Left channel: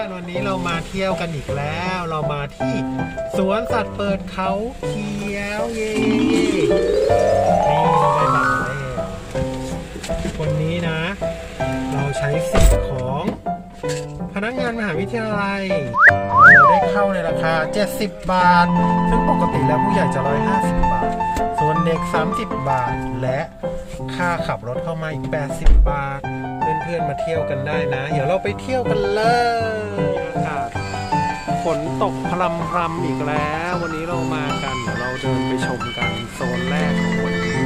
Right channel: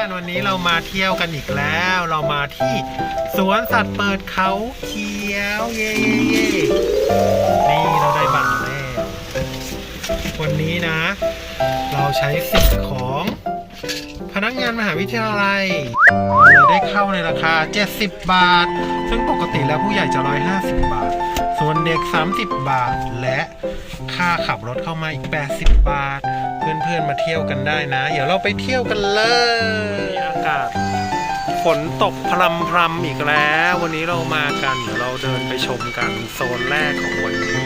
อนๆวันนี้เรามาเที่ยวกันอีกแล้ว เรามาที่สวนสัตว์เปิดเขาเขียวเย่เย่เย่นี่เราได้บัตรมาแล้ววันนี้นะ เราใช้สิทธิ์ของ พนักงานมหาวิทยาลัยเราได้เข้าในราคา 70 บาท ซึ่งปกติแล้วผู้ใหญ่จะ 150 บาท ส่วนเด็ก 30 บาทและค่าขับรถเข้ามาอีก 80 บาท เพื่อนๆมาเที่ยวกันได้นะ เดี๋ยวเราไปเที่ยวกันเลยอากาศฝนตกพรำพรำอีกแล้ว วันนี้เรามากัน เดี๋ยวเราเดินไปชมกันโซนแรกของวันนี้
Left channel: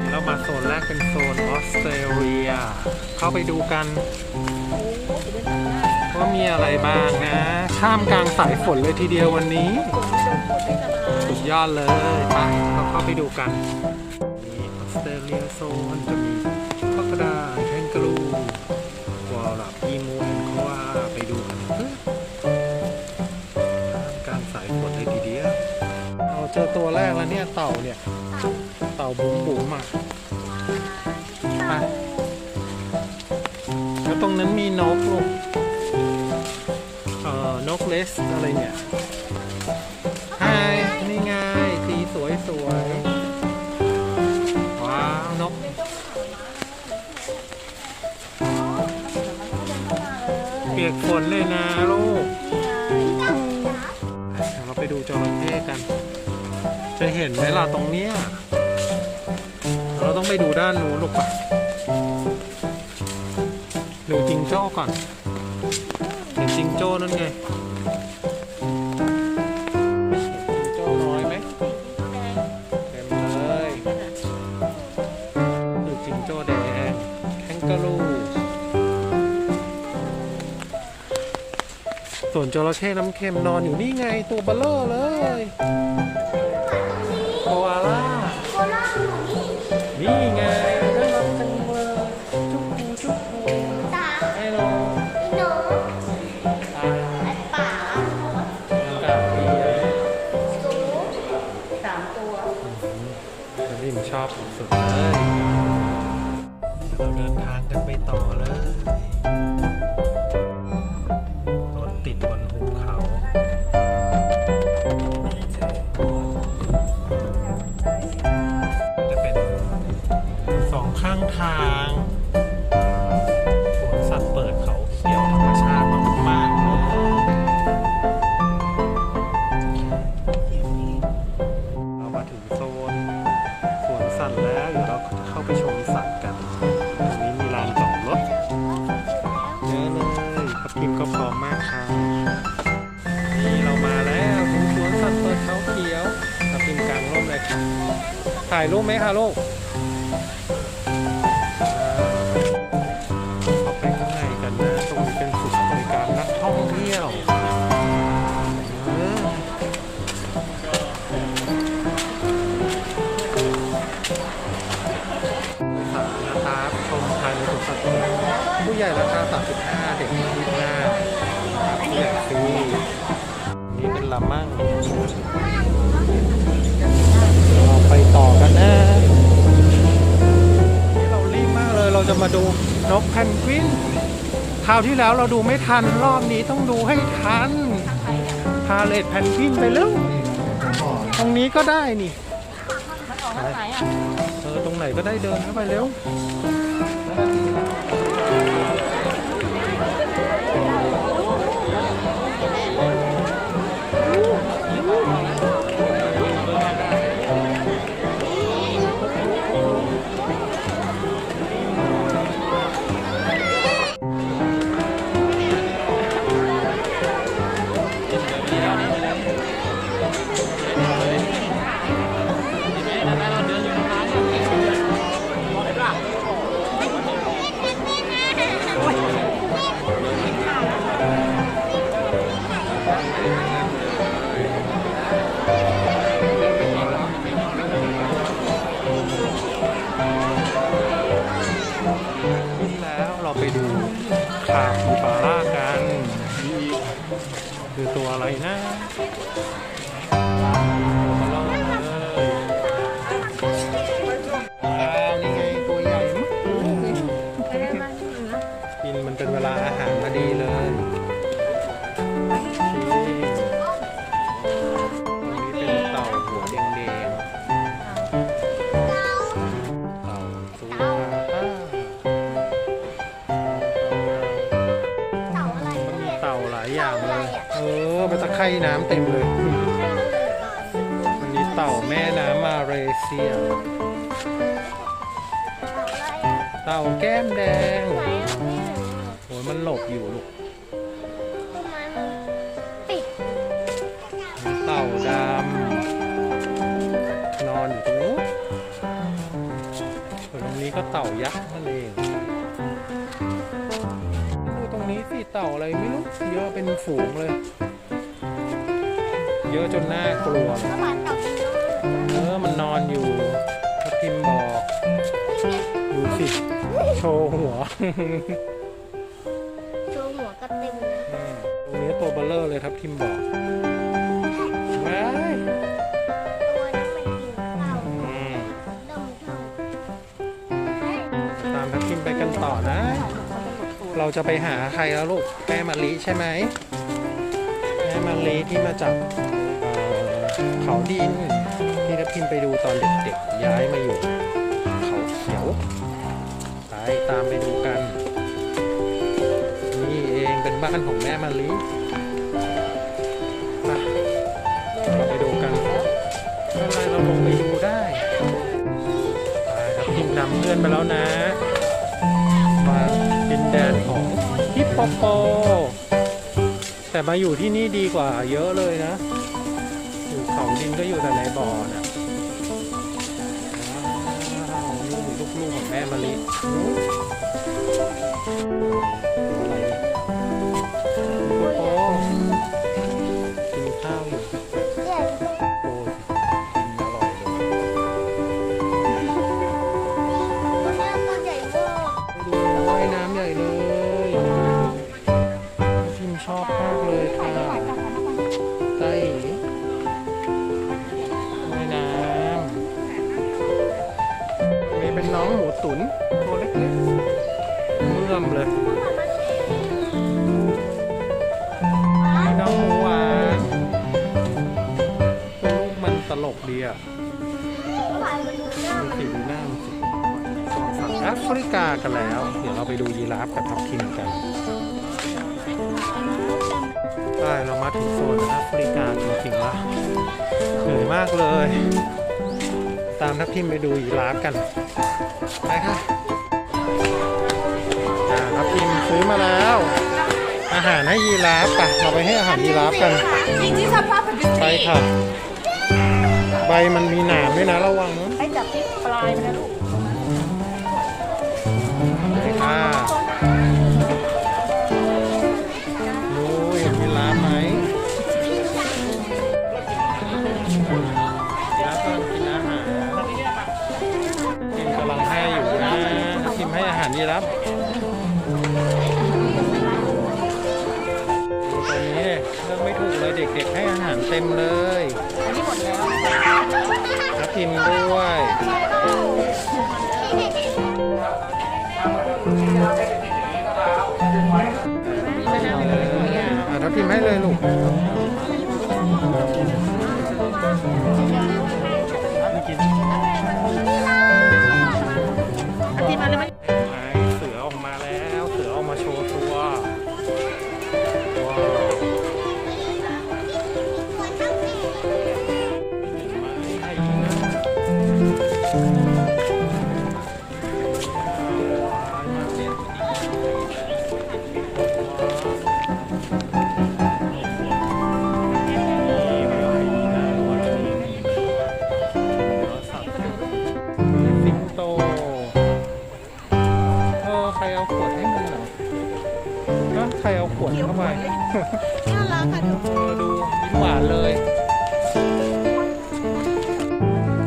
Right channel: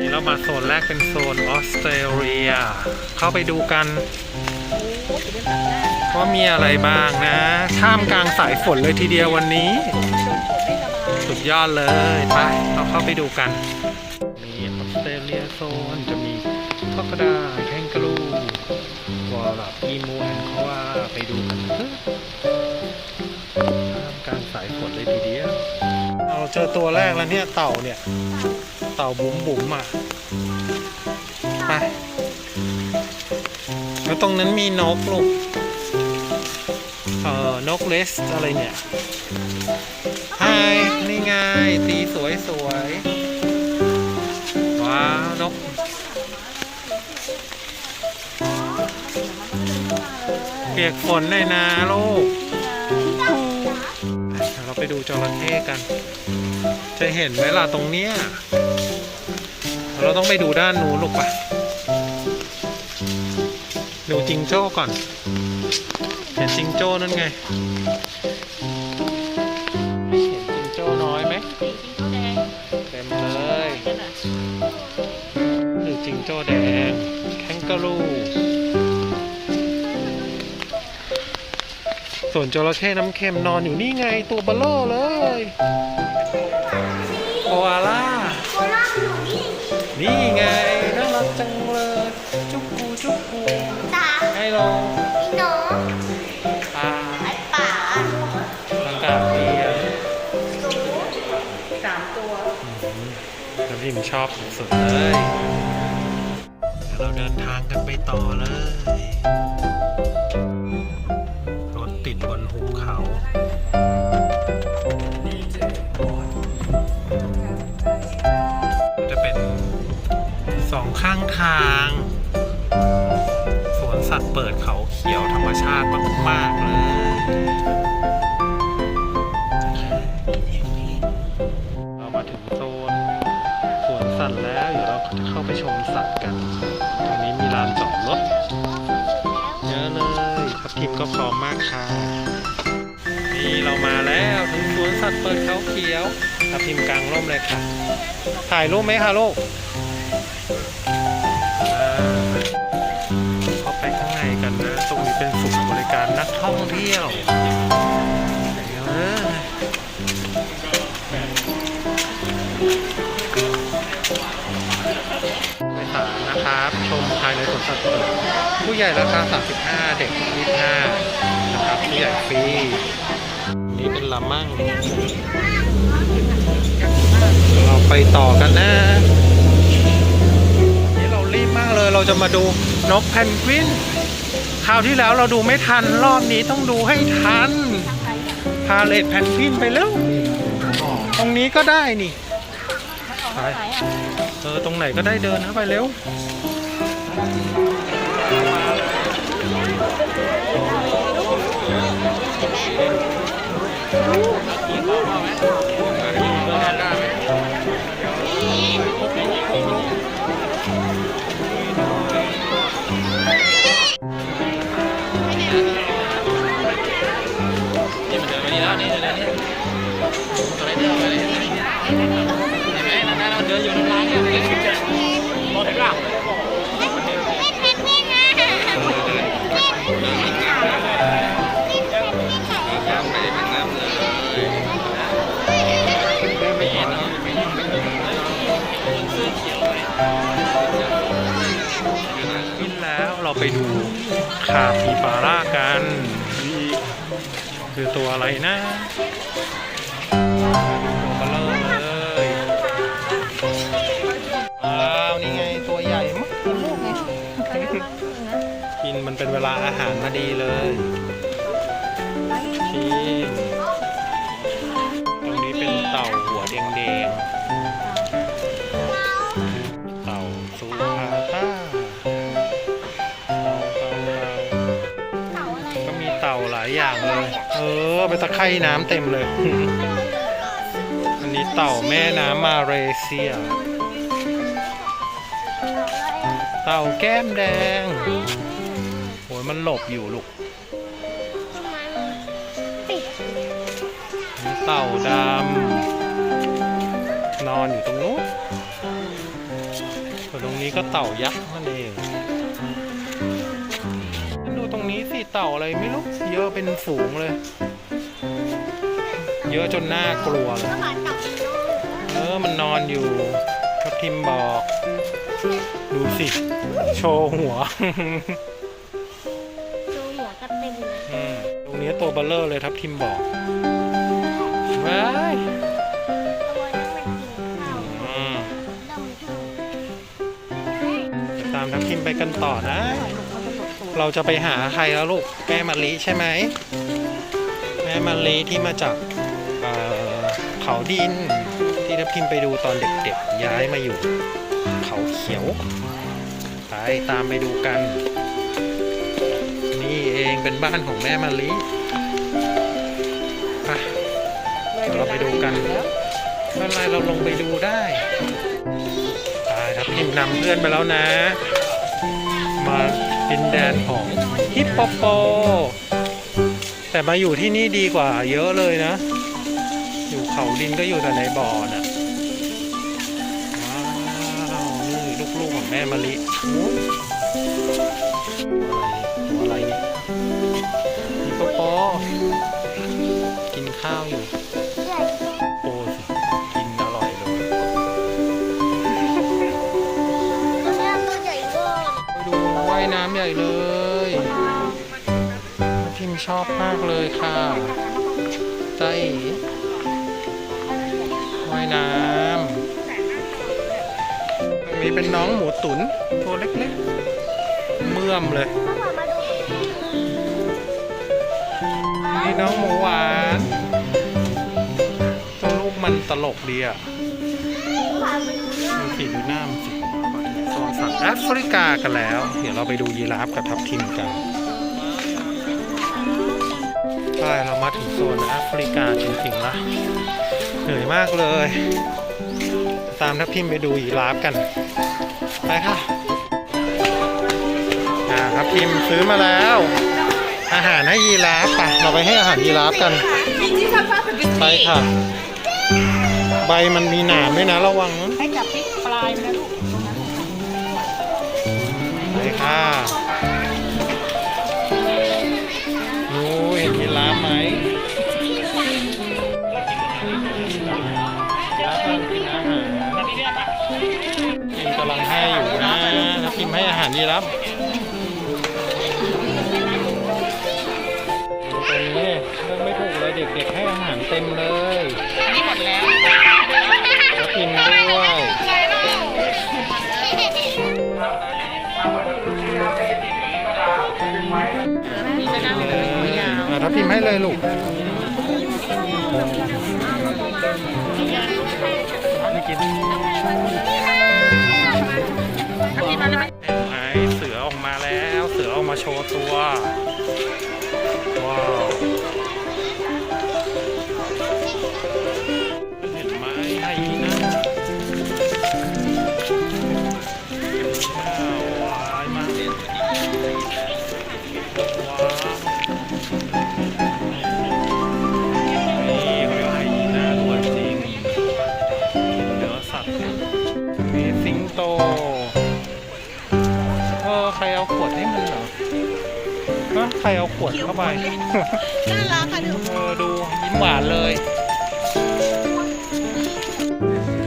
นี่เรามาโซนแรกเป็นโซนออสเตรเลีย เข้าไปดูกันว่ามีอะไรบ้างนะ ท่ามกลางสายฝนเลยทีเดียววันนี้ สุดยอดเลย ไป เราเข้าไปดูกัน มีออสเตรเลียโซนจะมี พอกดาแคนกาลูวอลลับอีมูแอนโควาไปดูกันเถอะท่ามกางสายฝนเลยทีเดียวเราเจอตัวแรกแล้วเนี่ยเต่าเนี่ย เต่าบุ๋มบุ๋มอะไปแล้วตรงนั้นมีนกลูกเอ่อนกเลสอะไรเนี่ยไฮนี่ไงสีสวยสวยว้าวนก เปียกฝนเลยนะลูกเดี๋ยวเราไปดูจระเข้กัน จะเห็นไหมล่ะตรงเนี้ย เราต้องไปดูด้านนู้นลูกปะดูจิงโจ้ก่อน เห็นจิงโจ้นั่นไง เห็นจิงโจ้น้อยไหมเต็มเลยคือจิงโจ้แดงแคนกาลู ส่วนจระเข้น้ำเค็มนอนอยู่นี่ไงตัวเบลเลอร์เลยโคอาล่านี่ไงน่ารักจังเลยจุกกูจุกกูตาให้ลงหนูอ่าไอ้ป่าอากาศดีอะสูน้ำพิมชอบสุดๆเลยเดี๋ยวเราเดินทางกันไปต่อเลย ถึงโซนสวนสัตว์แล้ว เดี๋ยวเราจะเข้าไปชมสัตว์กัน ตรงนี้มีลานจอดรถเยอะเลยครับทีมก็พร้อมมากค่ะ นี่เรามาแล้วถึงสวนสัตว์เปิดเขาเขียวครับทีมกลางร่มเลยค่ะ ถ่ายรูปไหมคะลูกเข้าไปข้างในกันนะ ตรงนี้เป็นศูนย์บริการนักท่องเที่ยวเดี๋ย นะครับ ชมภายในสวนสัตว์เปิดผู้ใหญ่ราคา 35 เด็ก 25 นะครับ ผู้ใหญ่ฟรี นี่เป็นลามั่ง เราไปต่อกันนะนนี้เรารีบมากเลย เราจะมาดูนกแพนกวิน คราวที่แล้วเราดูไม่ทัน รอบนี้ต้องดูให้ทัน พาเลทแพนกวินไปเร็ว ตรงนี้ก็ได้นี่ ไป ออตรงไหนก็ได้เดินเข้าไปเร็ว เราไปดูคาปิบาร่ากันคือตัวอะไรนะตัวบลเลอร์เลยอ้าวนี่ไงตัวใหญ่มากกินมันเป็นเวลาอาหารพอดีเลยชิมตรงนี้เป็นเต่าหัวแดง ไปตะไคร่น้ำเต็มเลย อันนี้เต่าแม่น้ำมาเลเซีย เต่าแก้มแดงโอ้ยมันหลบอยู่ลูก เต่าดำนอนอยู่ตรงนู้นส่วนตรงนี้ก็เต่ายักษ์นั่นเองดูตรงนี้สิเต่าอะไรไม่รู้ เยอะเป็นฝูงเลย เยอะจนน่ากลัวเลยก็บาดเต่าเป็นน้อยเออ มันนอนอยู่ทับทิมบอก ดูสิ โชว์หัว โชว์หัวก็เต็มเลยอืมตรงนี้ตัวเบลเลอร์เลยทับทิมบอกว้ายตัวนั้นมันกินข้าวอืมดมข้าวเดี๋ยวตามทับทิมไปกันต่อนะ เราจะไปหาใครแล้วลูก แม่มะลิใช่ไหม แม่มะลิที่มาจากเอ่อ เขาดิน ที่ทับทิมไปดูตอนเด็กๆ ย้ายมาอยู่ เขาเขียวไปตามไปดูกัน นี่เองเป็นบ้านของแม่มะลิไปเดี๋ยวเราไปดูกันไม่เป็นไรเราลงไปดูได้ไปทับทิมนำเพื่อนไปแล้วนะ มาดินแดนของฮิปโปโปแต่มาอยู่ที่นี่ดีกว่าเยอะเลยนะ อยู่เขาดินก็อยู่แต่ในบ่อน่ะ ว้าว นี่ลูกๆของแม่มะลิโอ้ยตัวอะไรตัวอะไรนี่ฮิปโปกินข้าวอยู่โปสิกินอร่อยเลยตัวนี้ตัวใหญ่เวอร์ไปดูว่ายน้ำใหญ่เลยพิมชอบมากเลยค่ะ เป็นน้องหมูตุนตัวเล็กๆเมื่อมเลย นี่น้องหมูหวานตัวลูกมันตลกดีอะดูเนี่ยดูสิดูหน้ามันสิมาถึงโซนสัตว์แอฟริกากันแล้ว เดี๋ยวเราไปดูยีราฟกับทับทิมกันใช่เรามาถึงโซนแอฟริกาจริงๆละเหนื่อยมากเลย ตามทับทิมไปดูยีราฟกัน ไปค่ะอ่าทับทิมซื้อมาแล้ว อาหารให้ยีราฟปะเราไปให้อาหารยีราฟกัน ไปค่ะ ใบมันมีหนามด้วยนะระวังนะให้จับที่ปลายมันนะลูกตรงนั้นไปค่ะนูเห็นยีราฟไหมำลังให้อยู่นะกินให้อาหารยีราฟดูตัวนี้เนี่ยเลือกไม่ถูกเลยเด็กๆให้อาหารเต็มเลยอันนี้หมดแล้วแล้วกินด้วยเลยอะทับทิมให้เลยลูกไม่กิน เสืออ ขวดเข้าไปน่ารักค่ะดูเออดูยิ้มหวานเลย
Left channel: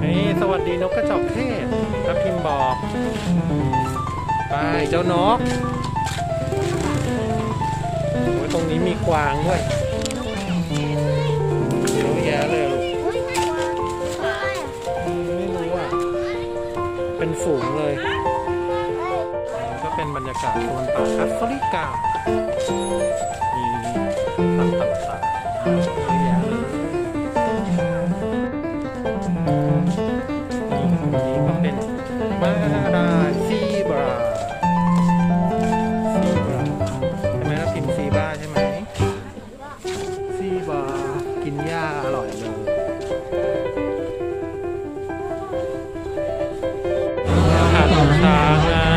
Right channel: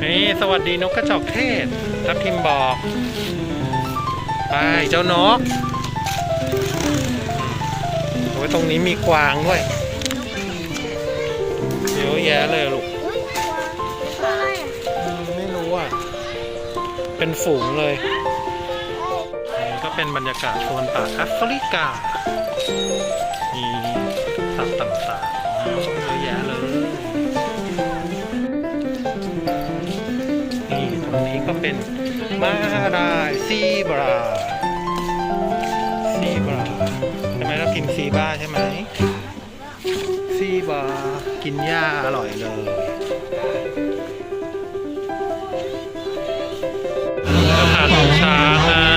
นี่สวัสดีนกกระจอกเทศทับทิมบอก ไปเจ้านกโอ้ยตรงนี้มีกวางด้วยเยอะแยะเลยอะลูกอุ้ยใช่อืมไม่รู้อะ เป็นฝูงเลยนี่ก็ เป็นบรรยากาศโซนป่าแอฟริกา มีสัตว์ต่างๆเยอะแยะเลย นี่ตรงนี้ก็เป็นมาลายซีบราซีบราใช่ไหมเราพิมพ์ซีบ้าใช่ไหมซีบบอกินหญ้าอร่อยเลยสถานของช้างนะ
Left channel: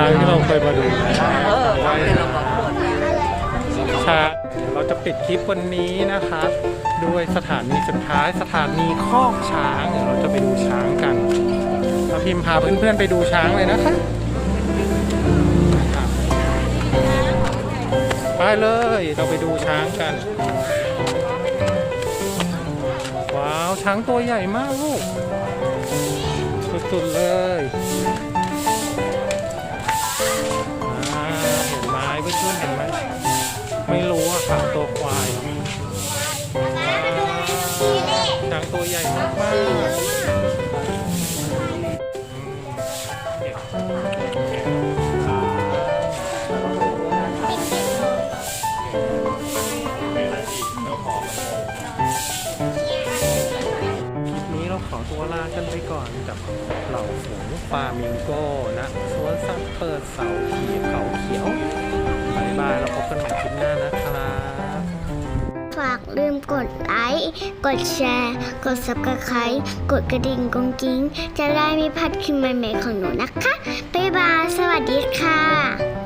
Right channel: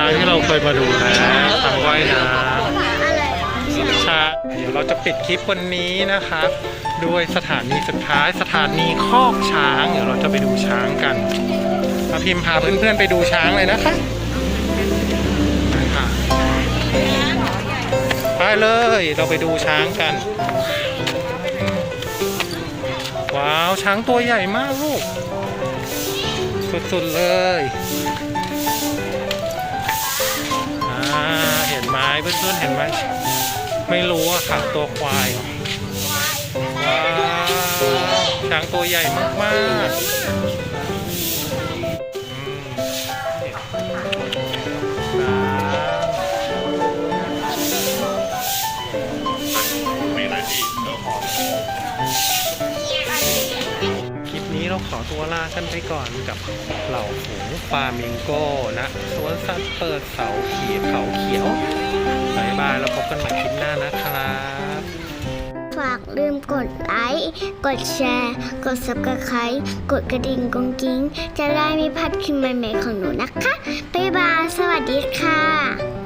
ช้างที่เราเคยมาดูนะช้างว่ายน้ำช้างเดี๋ยวเราจะปิดคลิปวันนี้นะครับ ด้วยสถานีสุดท้ายสถานีคอกช้าง เดี๋ยวเราจะไปดูช้างกันพาพิมพ์พาเพื่อนๆไปดูช้างเลยนะคะนะคะไปเลยเราไปดูช้างกัน ว้าวช้างตัวใหญ่มากลูกสุดๆเลย ไหมเพื่อนๆเห็นไหมไม่รู้อะค่ะตัวควายว้าวช้างตัวใหญ่มากๆ ขอตัวลากันไปก่อนกับเหล่าฝูงฟามิงโก้นะสวนสัตว์เปิดเสาขีเขาเขียวบายบายแล้วพบกันใหม่คลิปหน้านะครับ ฝากลืมกดไลค์ กดแชร์ กด subscribe กดกระดิ่งกงกิ้ง จะได้ไม่พลาดคลิปใหม่ๆของหนูนะคะ บ๊ายบาย สวัสดีค่ะ